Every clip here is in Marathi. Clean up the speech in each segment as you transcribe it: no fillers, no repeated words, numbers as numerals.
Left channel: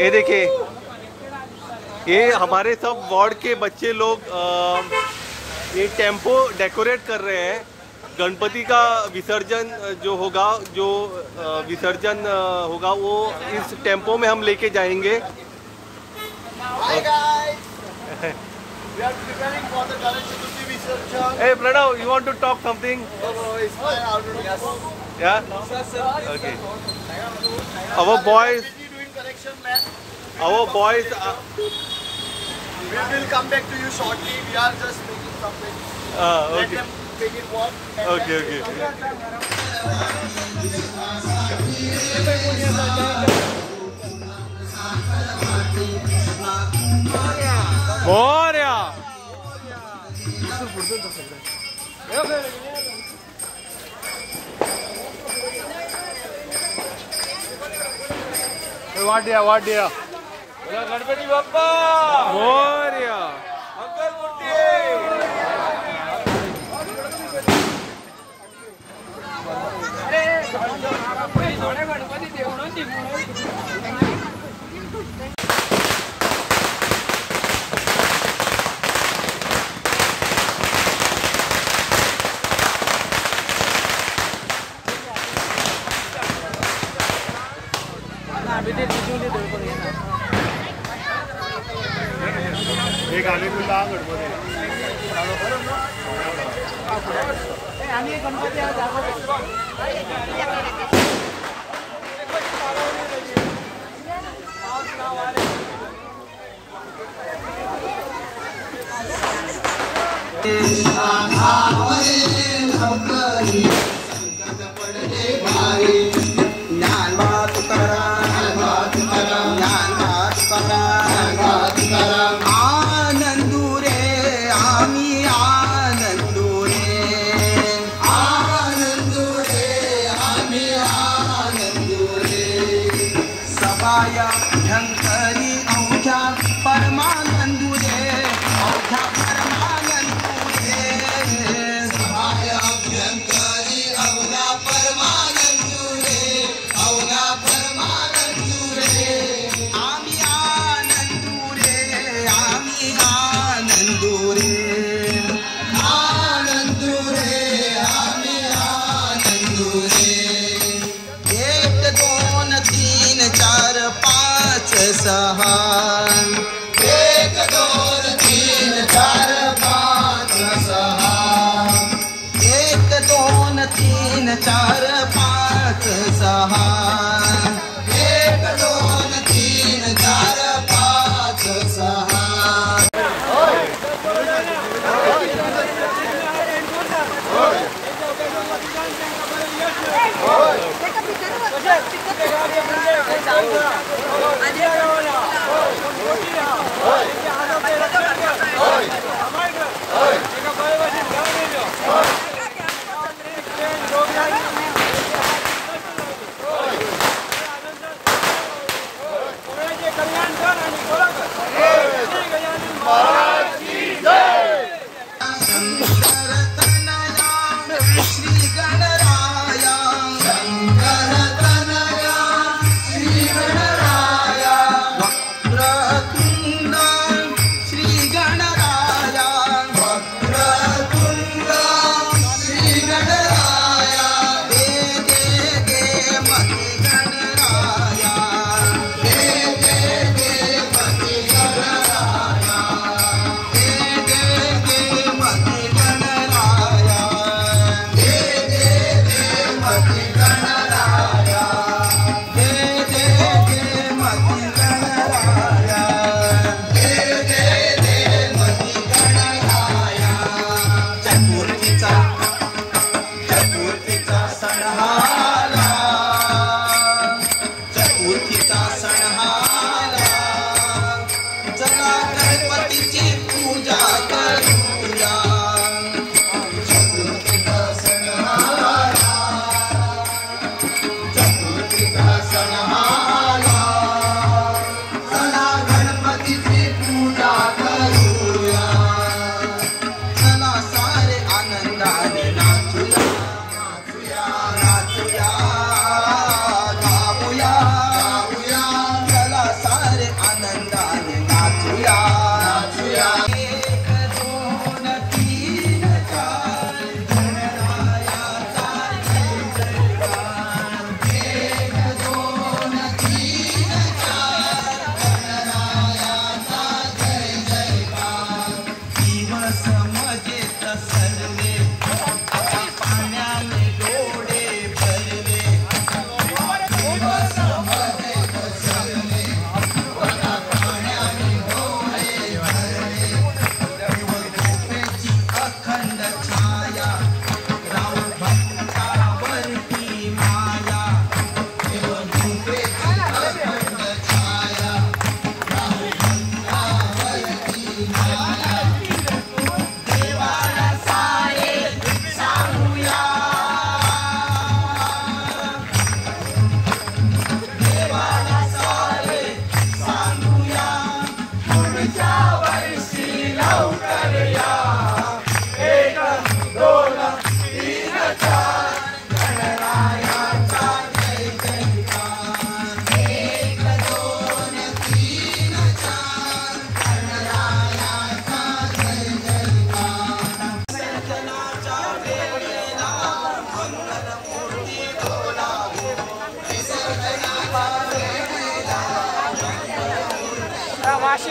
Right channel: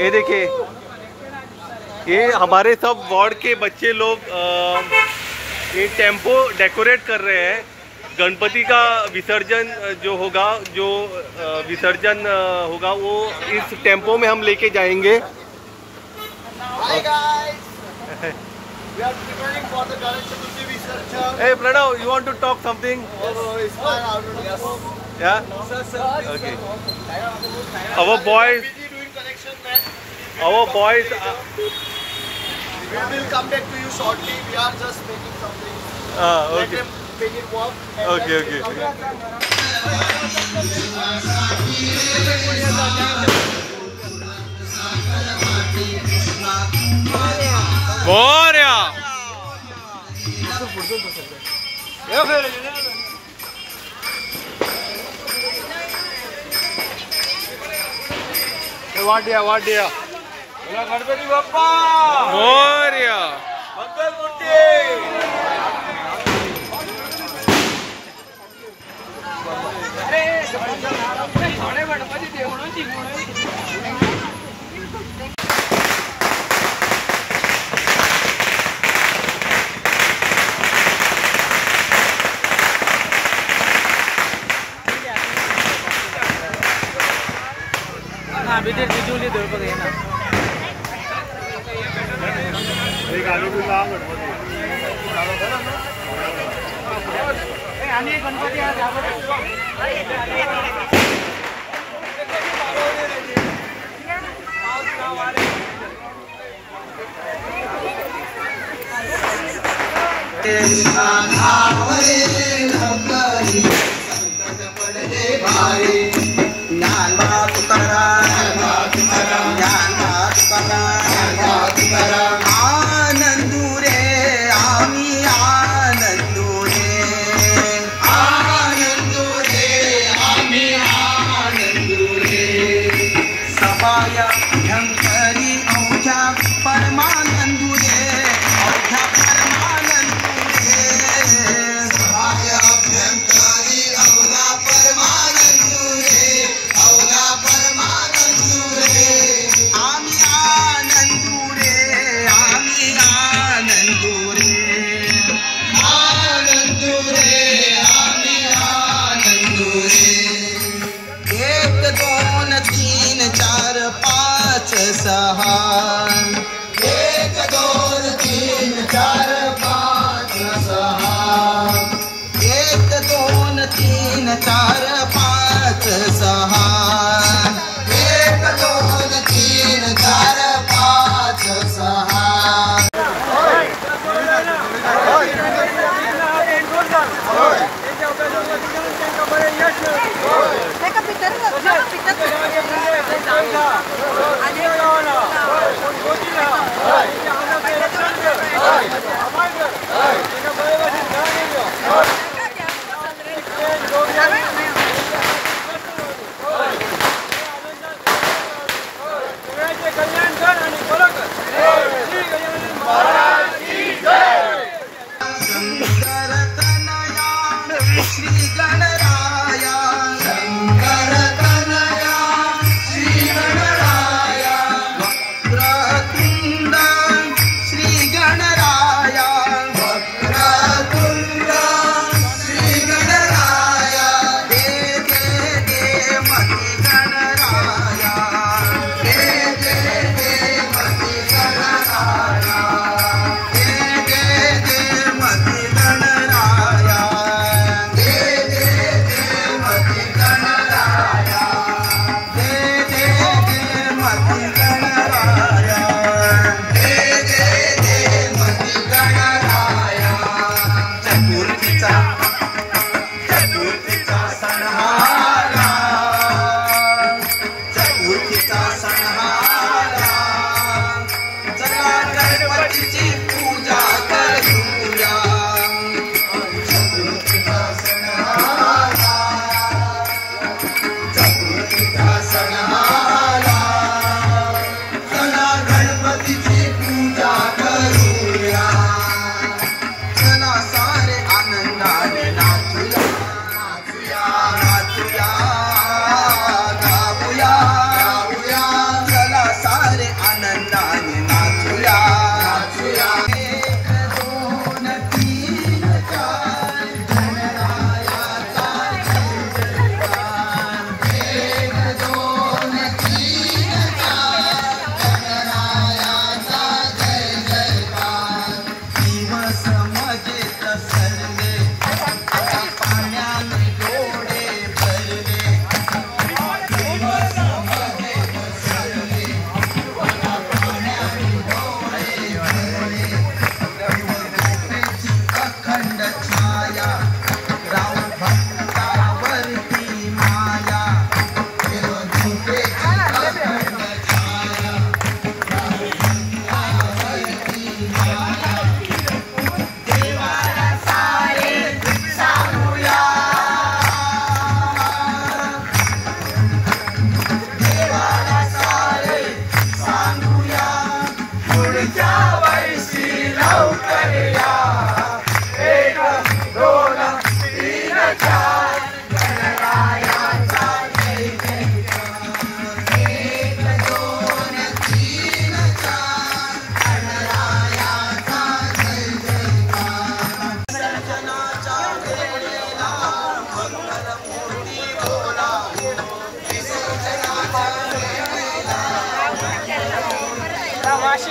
ये देखिए, ये हमारे सब वार्ड के बच्चे लोग ये टेम्पो डेकोरेट कर रहे हैं। गणपति का विसर्जन जो होगा वो इस टेम्पो में हम लेके जाएंगे। Hi guys, we are preparing for the Ganesh Chaturthi Visarjan. Hey Pranav, you want to talk something? Oh, it's fine. How to do this? Yeah. Okay. Our boys. Busy doing connection, man. Our boys. We will come back to you shortly. We are just making something. Let Okay. them make it work. And Okay. then Okay. we'll come back. Moria. वाड्या गणपती बाप्पा Moria. मंगल मूर्ती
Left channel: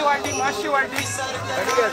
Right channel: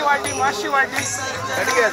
वाटी माशी वाटी सड़ी गया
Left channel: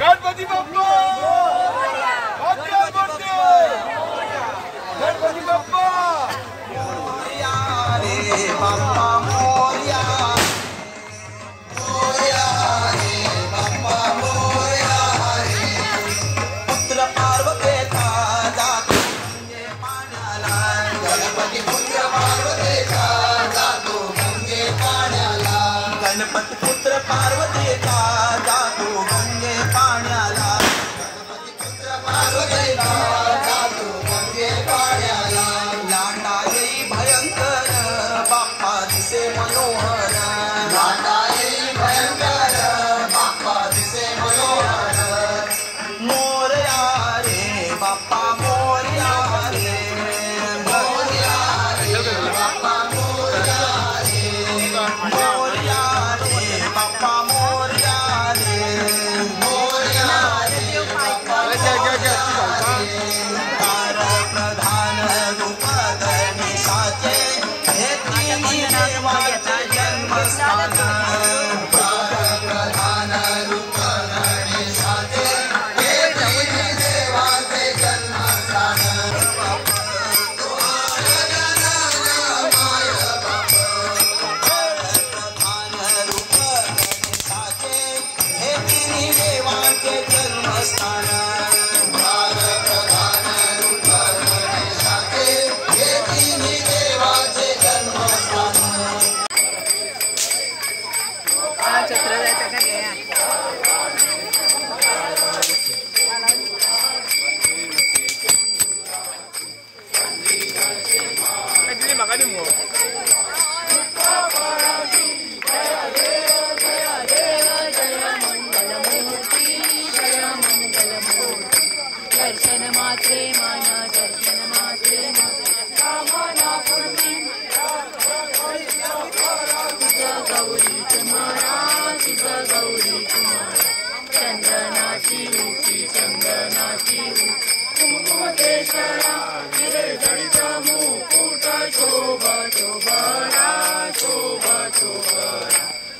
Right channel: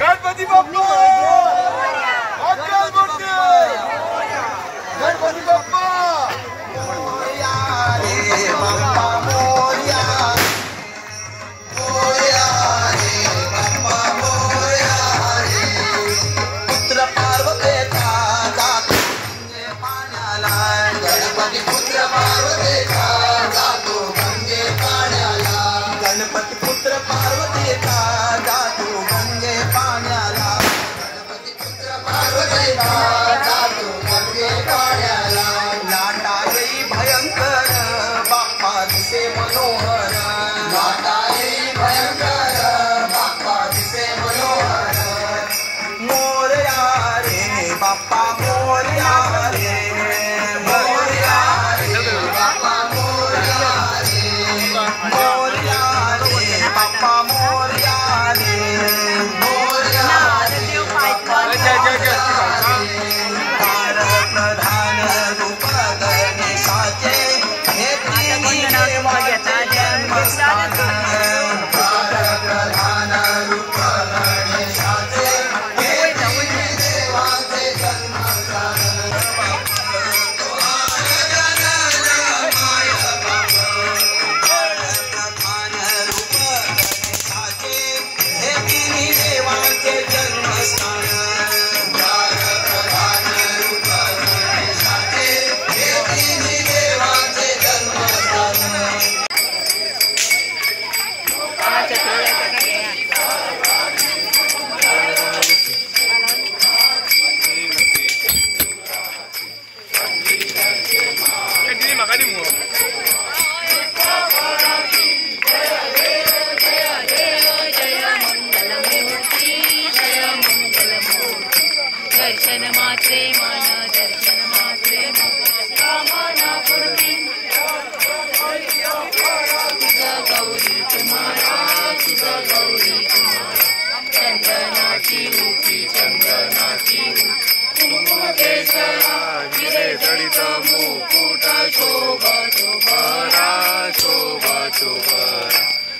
गणपति बाप्पा पुत्र पार्वतीचा जातो गंगे पाण्याला गणपती पुत्र पार्वतीचा जातो गंगे पाण्याला गणपती पुत्र पार्वतीचा जातो गंगे पाण्याला गणपती पुत्र पार्वतीचा जातो गंगे पाण्याला लाटा येई भयंकर बाप्पा दिसे मनोहर लाटा येई भयंकर बाप्पा दिसे मनोहर मोरया रे बाप्पा मोरया रे मोरया रे बाप्पा मोरया रे मोरया रे बाप्पा मोरया रे मोरया रे बाप्पा मोरया रे तार प्रधान रूप गणेशाचे हे तिन्ही देवाचे जन्मस्थान तार प्रधान रूप गणेशाचे हे तिन्ही देवाचे जन्मस्थान हे तिन्ही देवाचे जन्मस्थान हे तिन्ही देवाचे जन्मस्थान चक्र जायचं का घ्या दर्शन मात्रे मन दर्शन मात्रे कामना पूर्ती तुझं गौरी कुमारा तुझं गौरी कुमारा चंदनाची उठी चंदनाची कुंकेश्वरा गिरे जडित मुकुट शोभा शोभरा शोभा शोभरा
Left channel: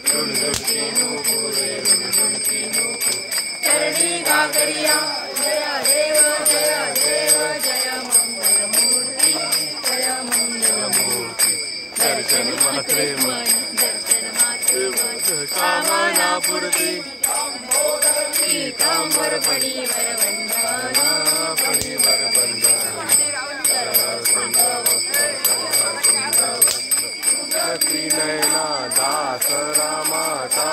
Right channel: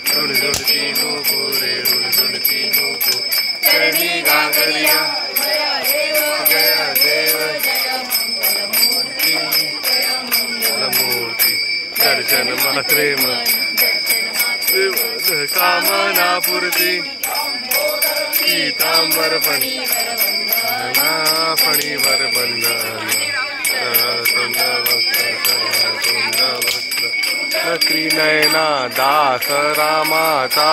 रुणझुणती नुपुरे रुणझुणती नुपुर चरणी गागरिया जय देव जय मंगलमूर्ती जय मंगलमूर्ती दर्शन मात्रे कामना पूर्ती पीतांबर फणीवर बंधन नती नयना दास रामाचा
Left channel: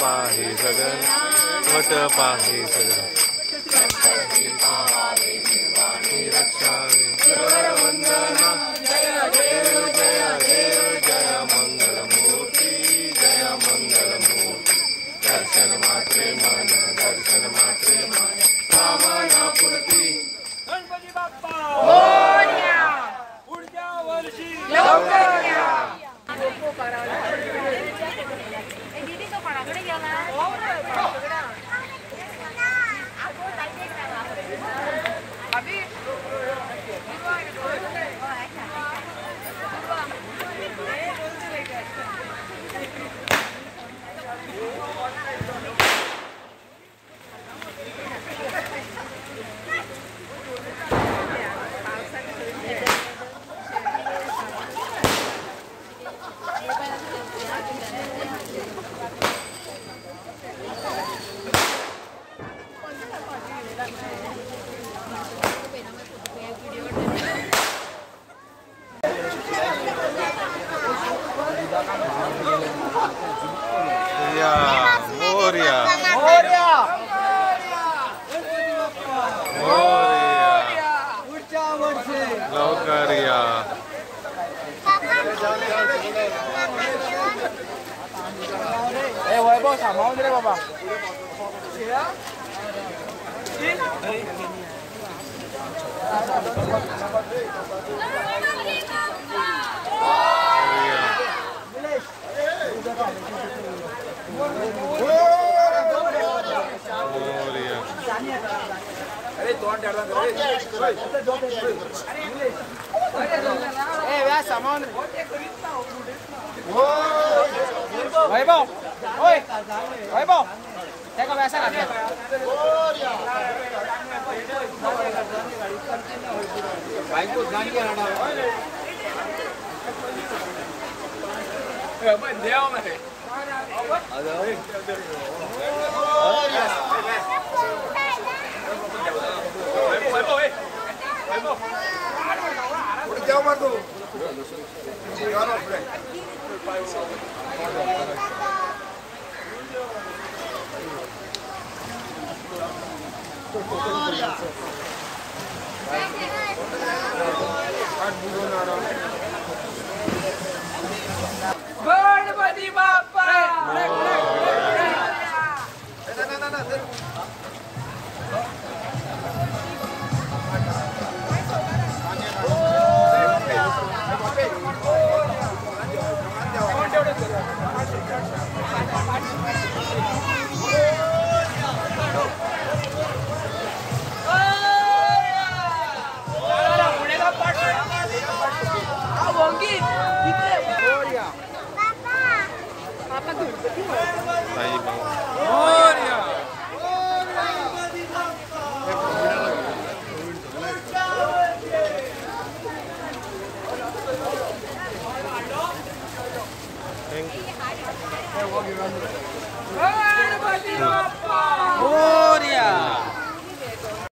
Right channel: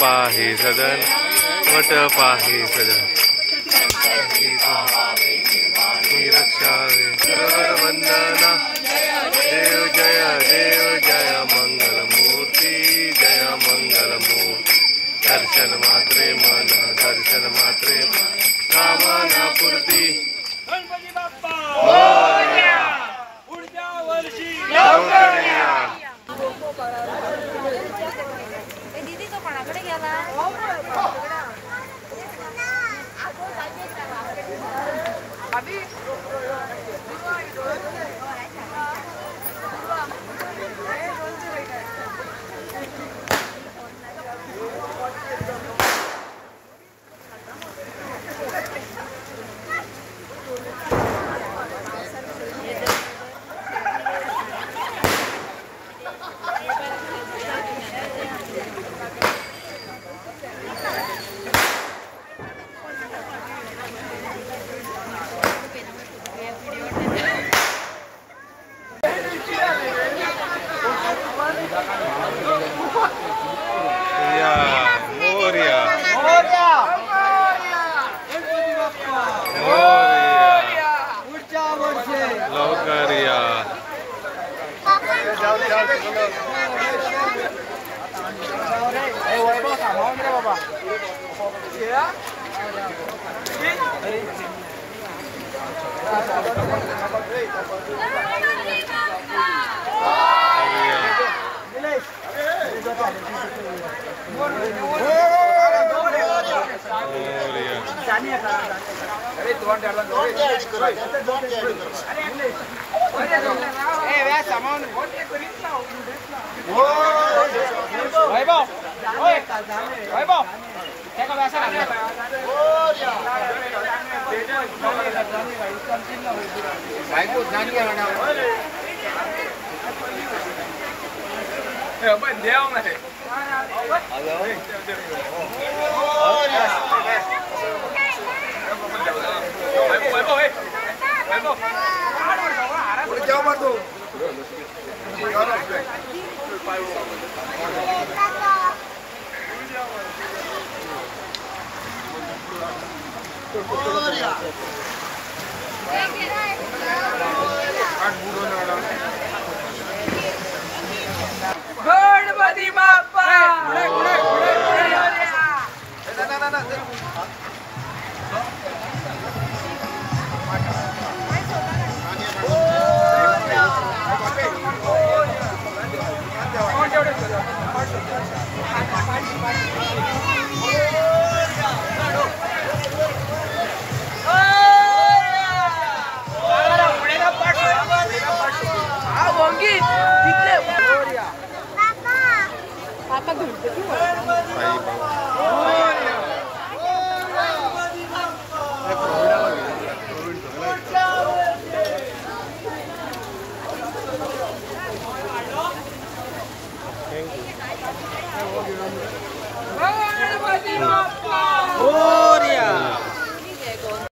पाहे सदन वट पाहे सदन रक्षावे वंदना देव जय मंगलमूर्ती जय मंगलमूर्ती दर्शन मात्रे मन दर्शन मात्रे कामना पूर्ती गणपती बाप्पा मोरया पुढच्या वर्षी लवकर या गणपती बाप्पा Thank you.